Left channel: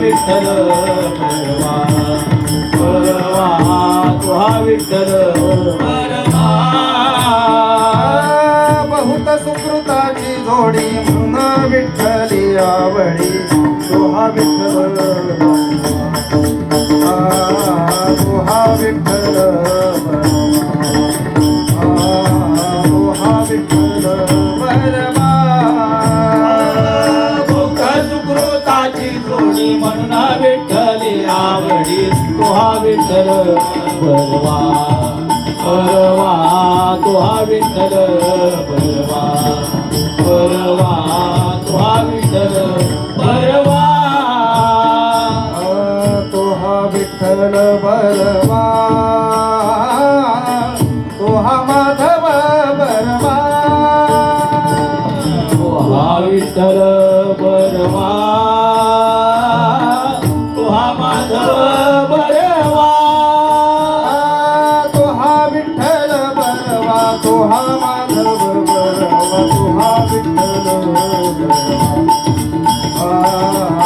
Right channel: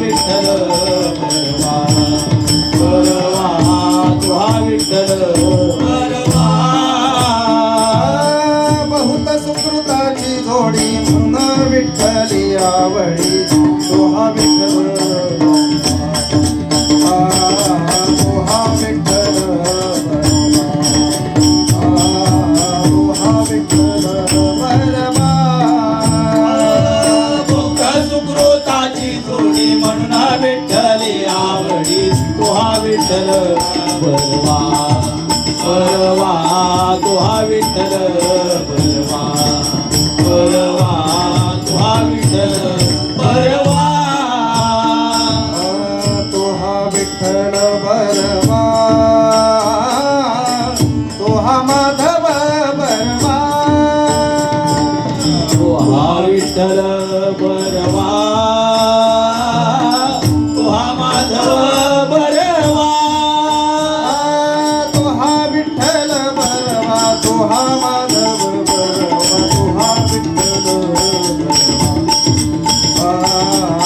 विठ्ठल म्हणा विठ्ठली आवडी तुहा विठ्ठल बलवा बलवा तुहा विठ्ठल बलवा बलवा तुहा विठ्ठल तुहा विठ्ठल बलवा तुहा माधव बलवा तुहा विठ्ठल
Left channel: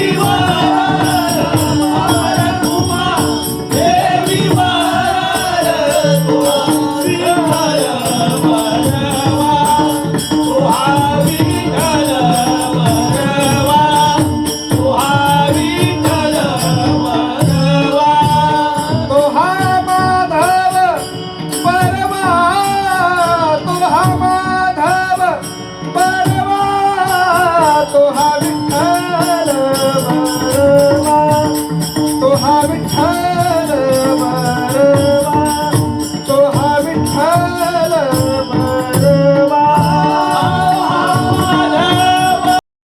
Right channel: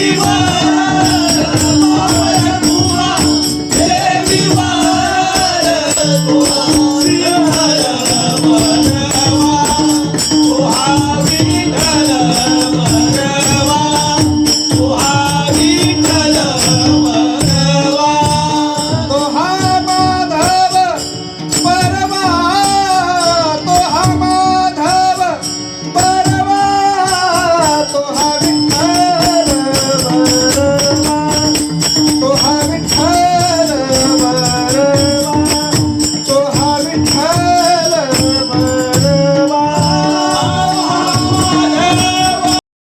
Vivo